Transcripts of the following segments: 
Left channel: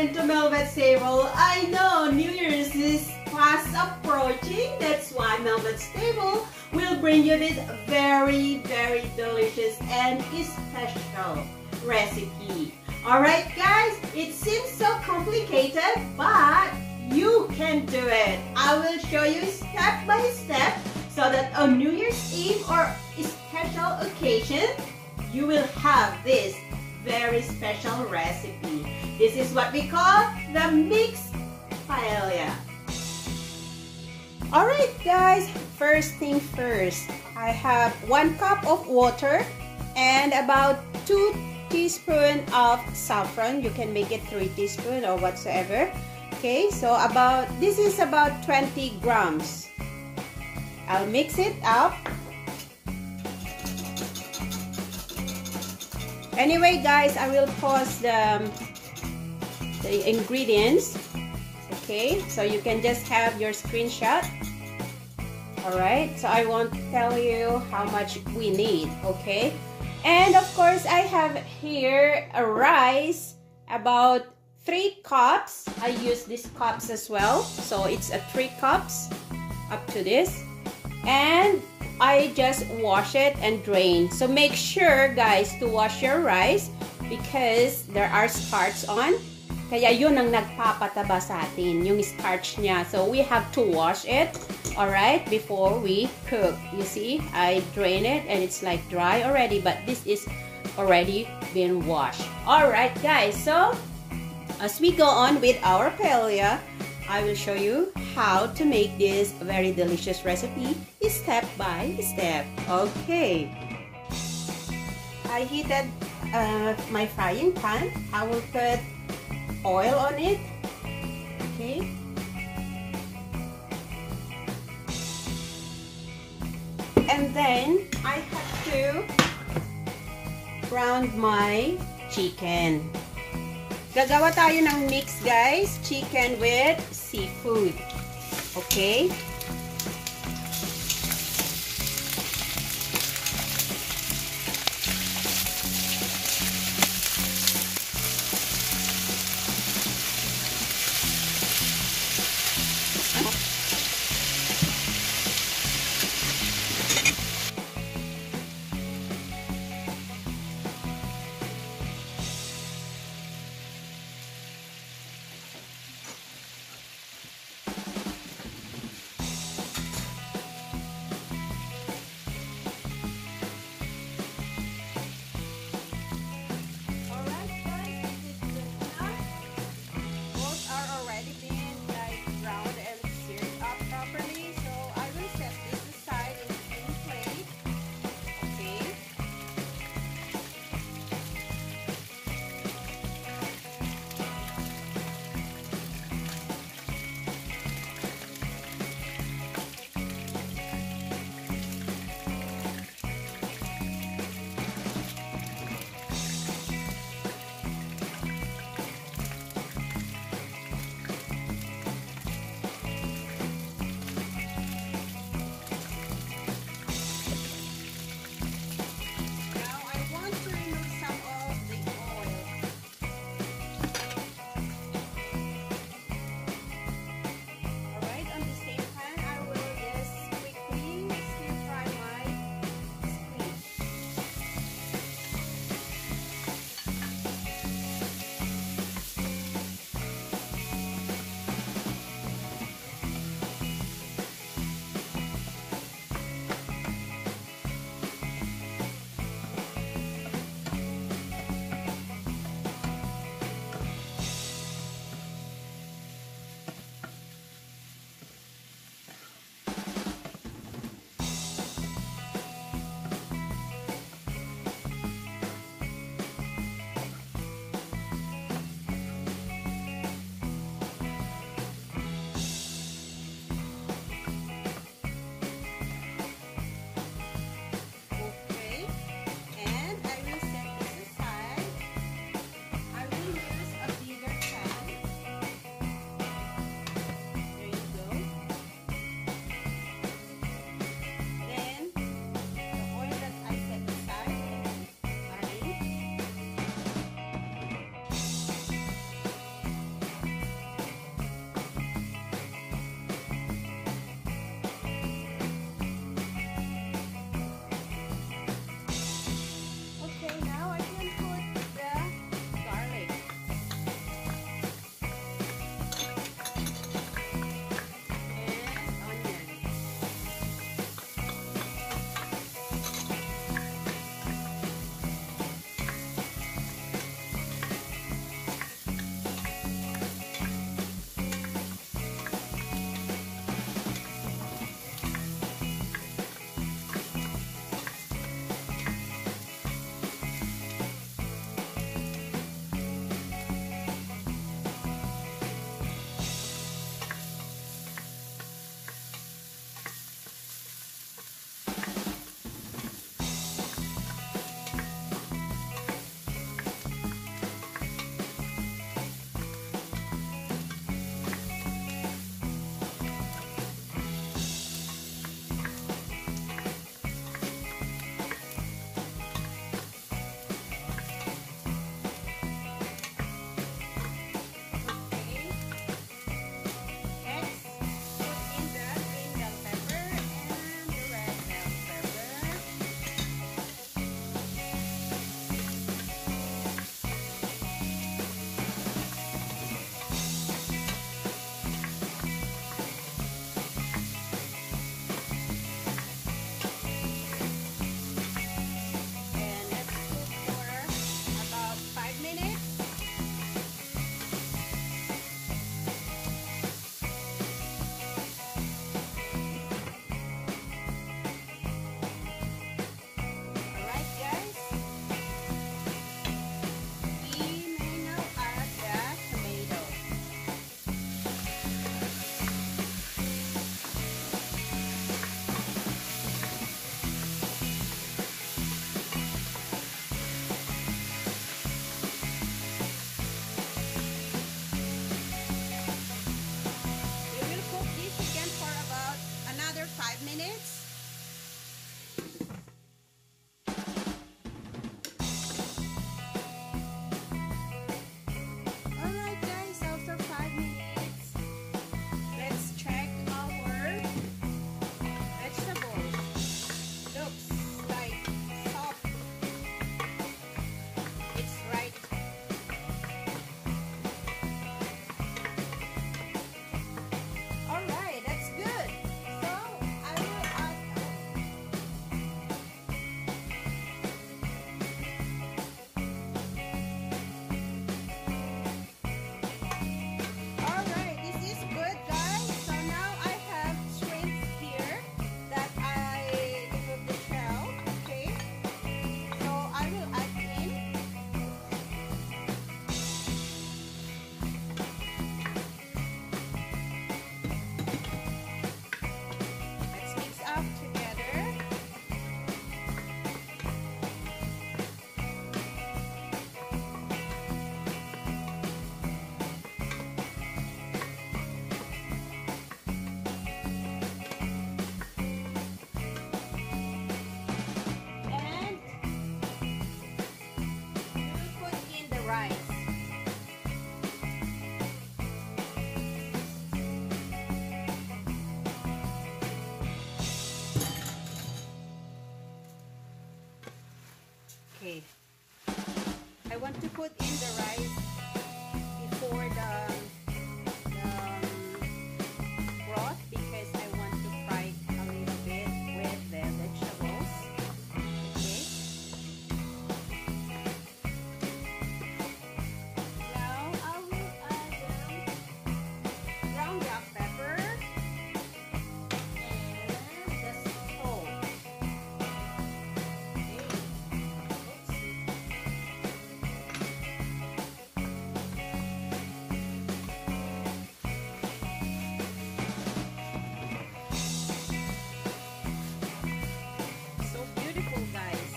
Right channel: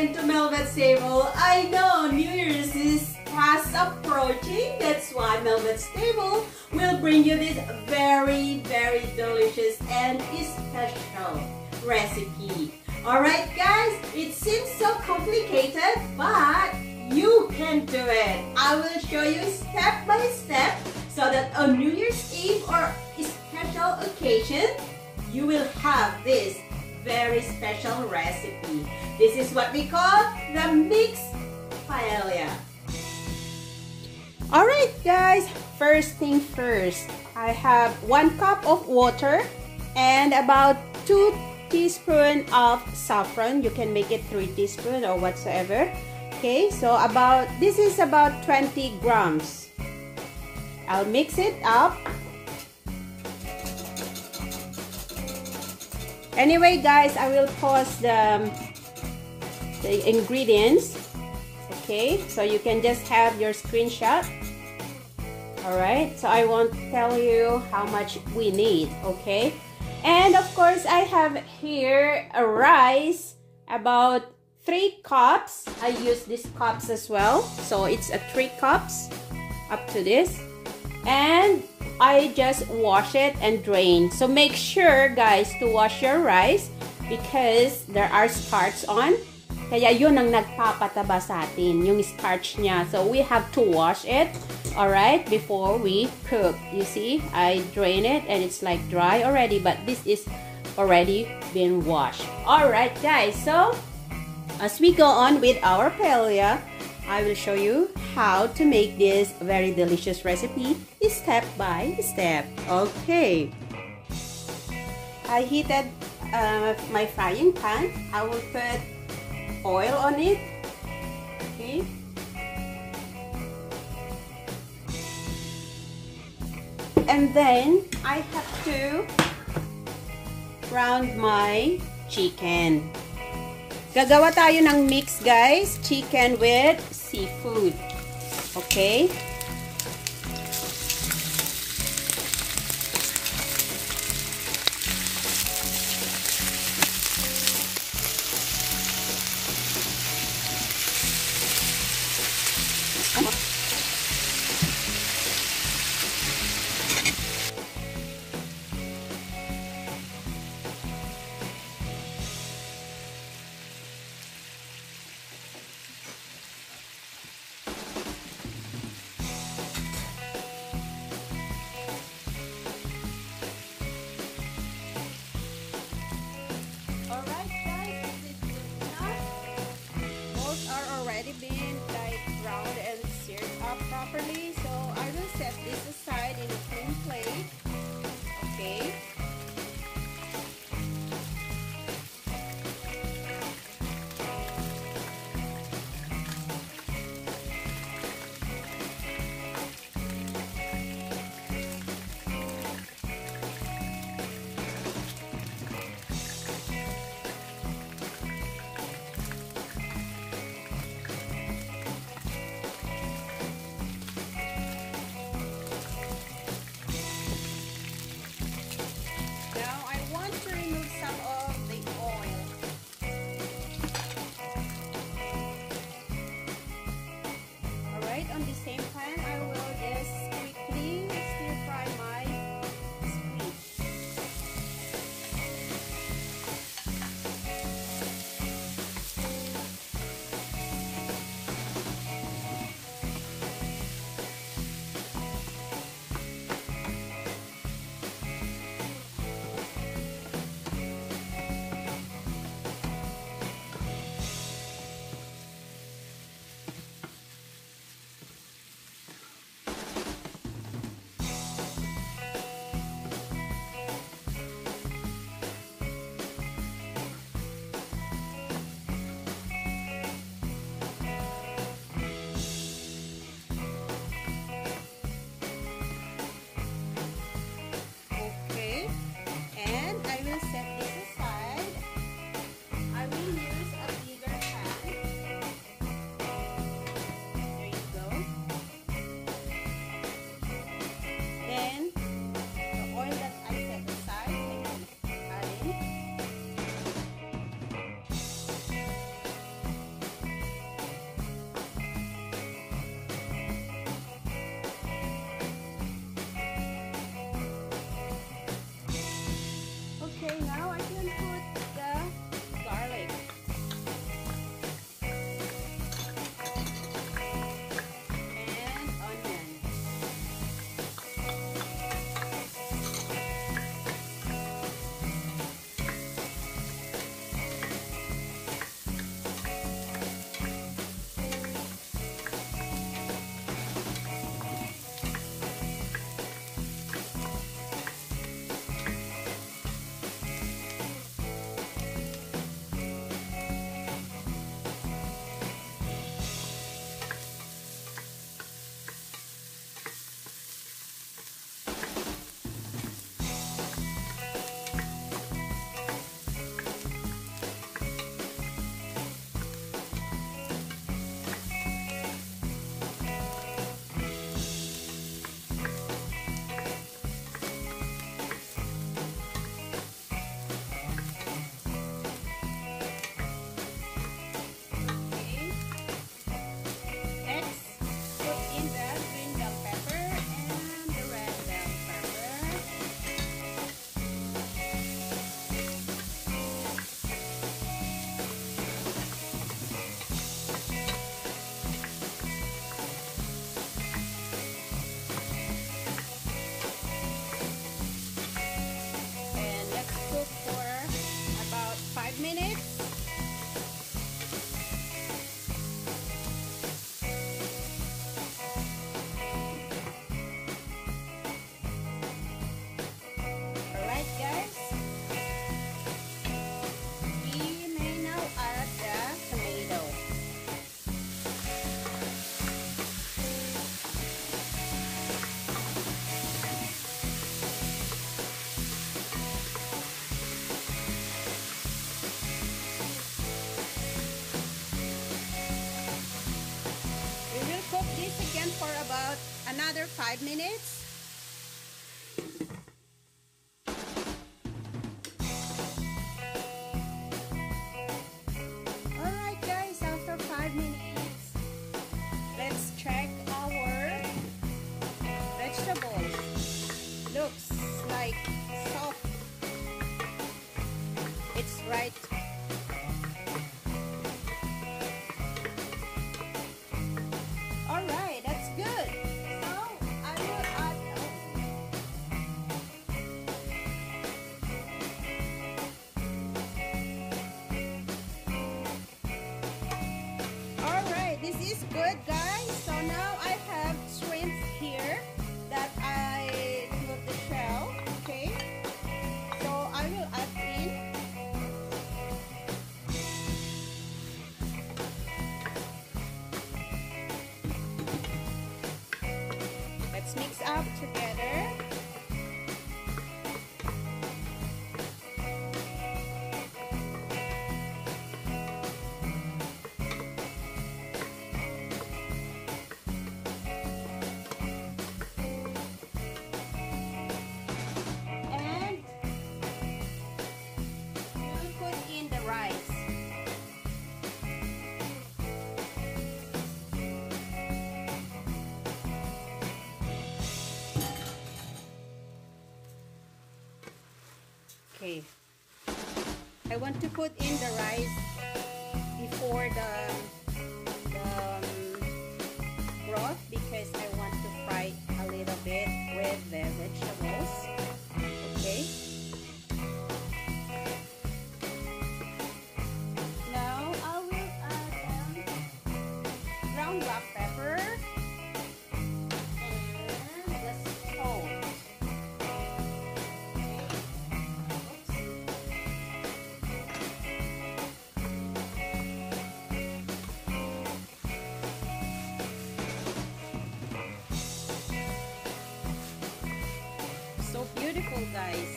again to Melvet's Table. I know New Year's is fast approaching. That's why Melvet's Table will bring you this very, very delicious and special recipe. Alright guys, it seems so complicated, but you can do it. I will show you step by step so that on New Year's Eve or special occasion, you will have this very special recipe. This is what we call the mixed paella. Alright guys, first thing first, I have 1 cup of water and about 2 teaspoons of saffron. You can make it 3 teaspoons or whatsoever. Okay, so this is about 20 grams. I'll mix it up. Anyway guys, I will pause the ingredients. Okay, so you can just have your screenshot. Alright, so I won't tell you how much we need, okay? And of course, I have here a rice, about 3 cups. I use these cups as well. So it's 3 cups up to this. And I just wash it and drain. So make sure guys to wash your rice because there are starch on. Kaya yun ang nagpapataba sa atin, yung starch niya. So we have to wash it, alright, before we cook. You see, I drain it and it's like dry already, but this is already been washed. Alright guys, so as we go on with our paella, I will show you how to make this very delicious recipe step by step. Okay. I heated my frying pan. I will put oil on it. Okay. And then I have to brown my chicken. Gagawa tayo ng mix guys, chicken with seafood. Okay? want to put in the rice before the broth because I want to fry a little bit with the vegetables. Okay. Now I will add ground black pepper and the salt. Okay. So beautiful, guys.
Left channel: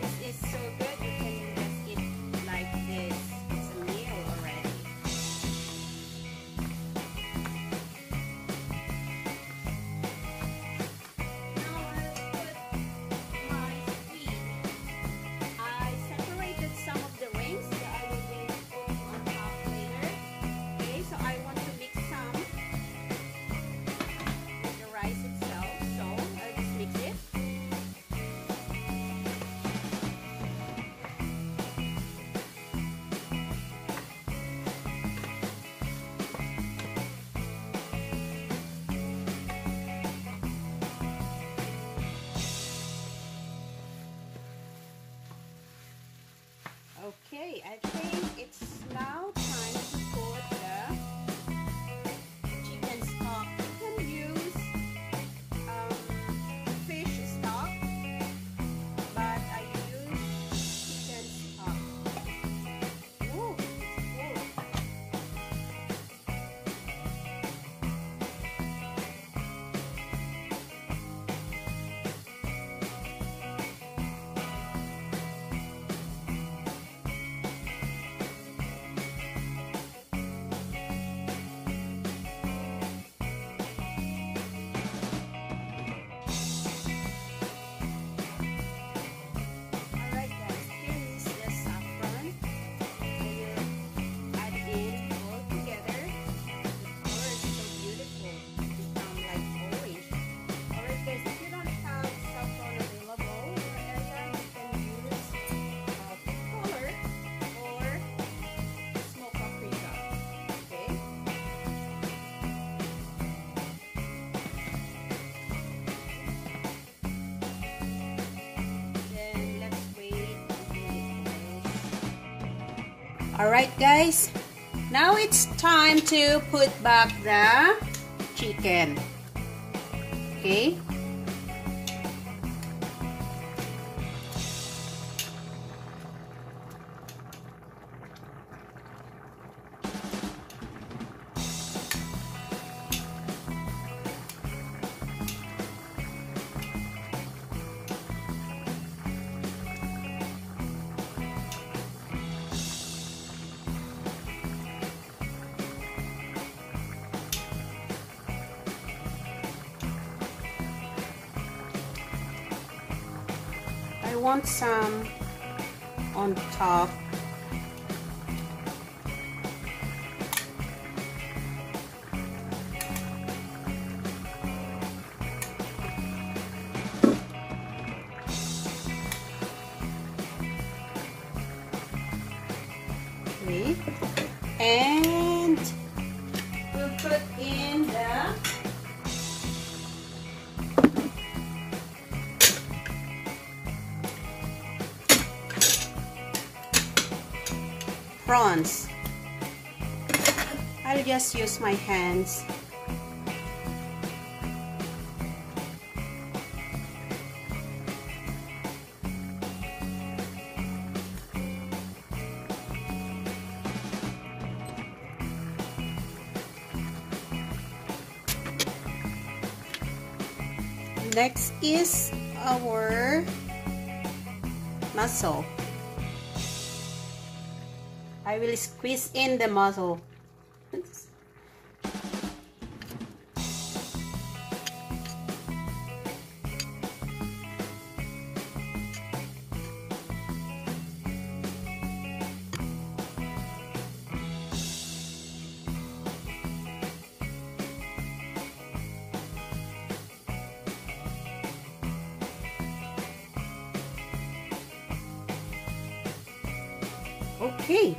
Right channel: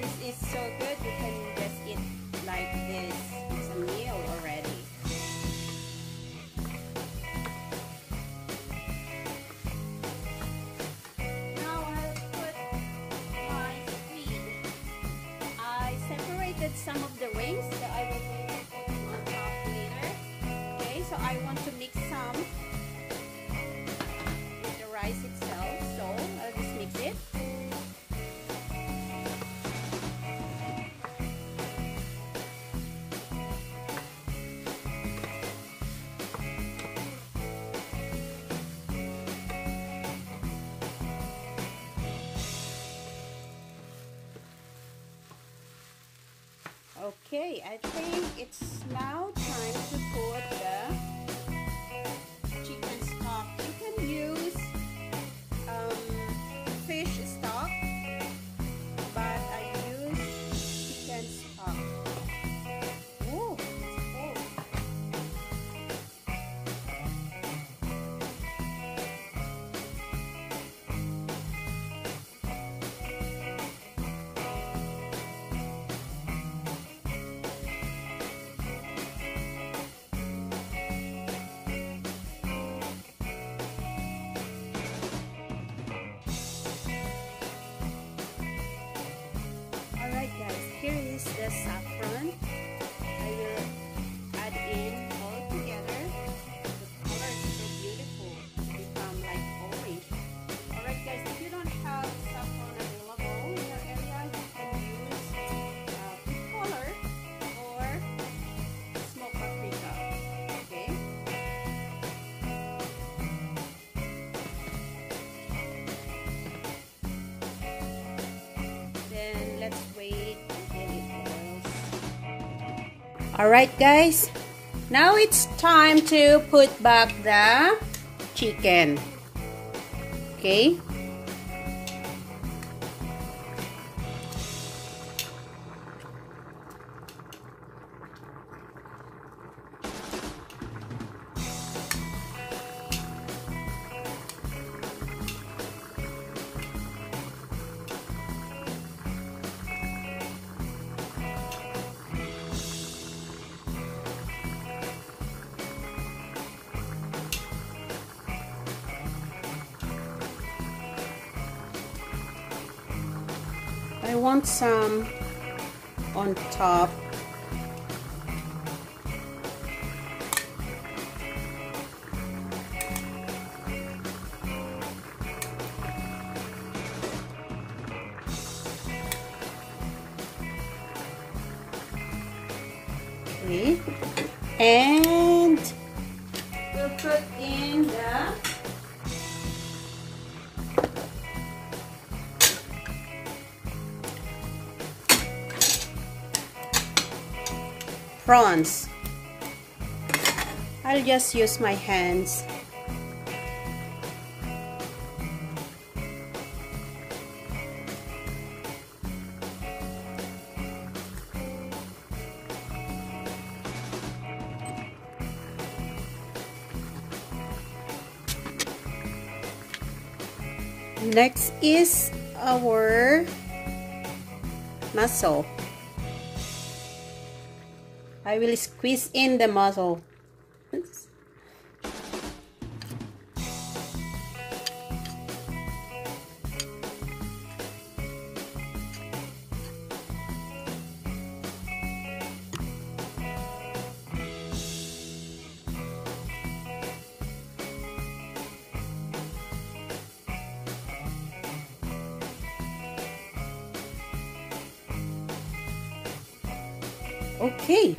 This is so good. You can just eat like this. It's a meal already. Now I'll put my squid. I separated some of the rings that I will be putting on top later. Okay, so I want to mix some with the rice itself. So I'll just mix it. Okay, I think it's now time to put the chicken stock. You can use fish stock, but I use chicken stock. Oh, it's full. Alright guys, here is the saffron. I will add in all together. The color is so beautiful. It becomes like orange. Alright guys, if you don't have saffron available in your area, you can use food color or smoked paprika. Okay? Then let's wait until it boils. Alright guys, now it's time to put back the chicken. Okay. I want some on top. Okay. And we'll put in the prawns. I'll just use my hands. Next is our mussel. I will squeeze in the mussel. Okay.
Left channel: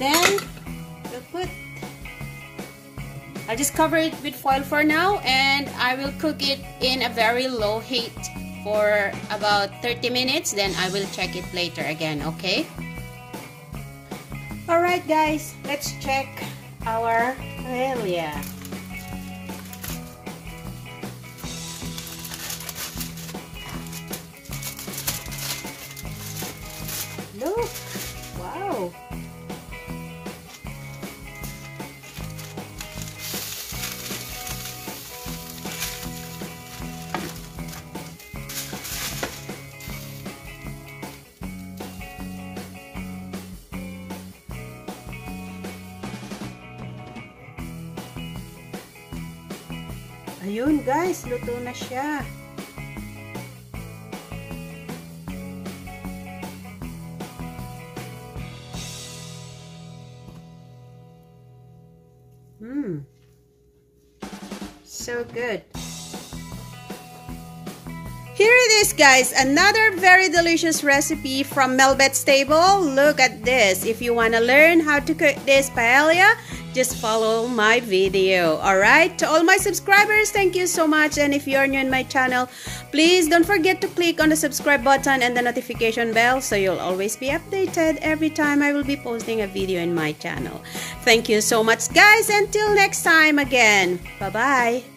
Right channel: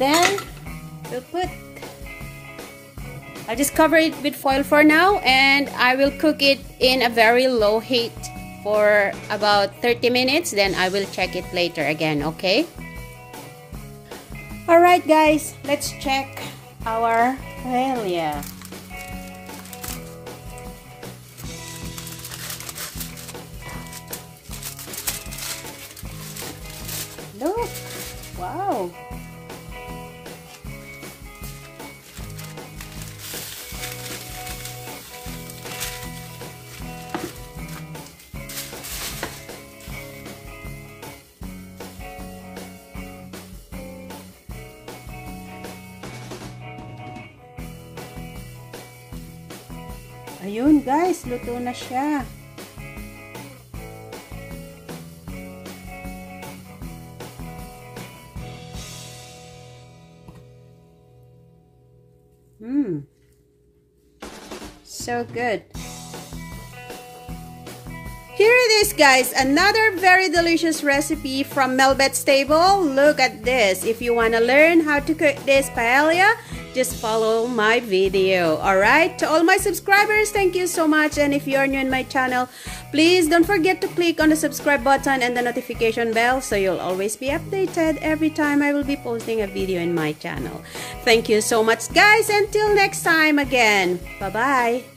Then I'll just cover it with foil for now, and I will cook it in a very low heat for about 30 minutes. Then I will check it later again, okay? Alright guys, let's check our paella. Look! Wow! Ayun guys, luto na siya. So good. Here it is guys, another very delicious recipe from Melbet's table. Look at this. If you want to learn how to cook this paella, just follow my video. Alright, to all my subscribers, thank you so much. And if you're new in my channel, please don't forget to click on the subscribe button and the notification bell so you'll always be updated every time I will be posting a video in my channel. Thank you so much guys. Until next time again. Bye-bye.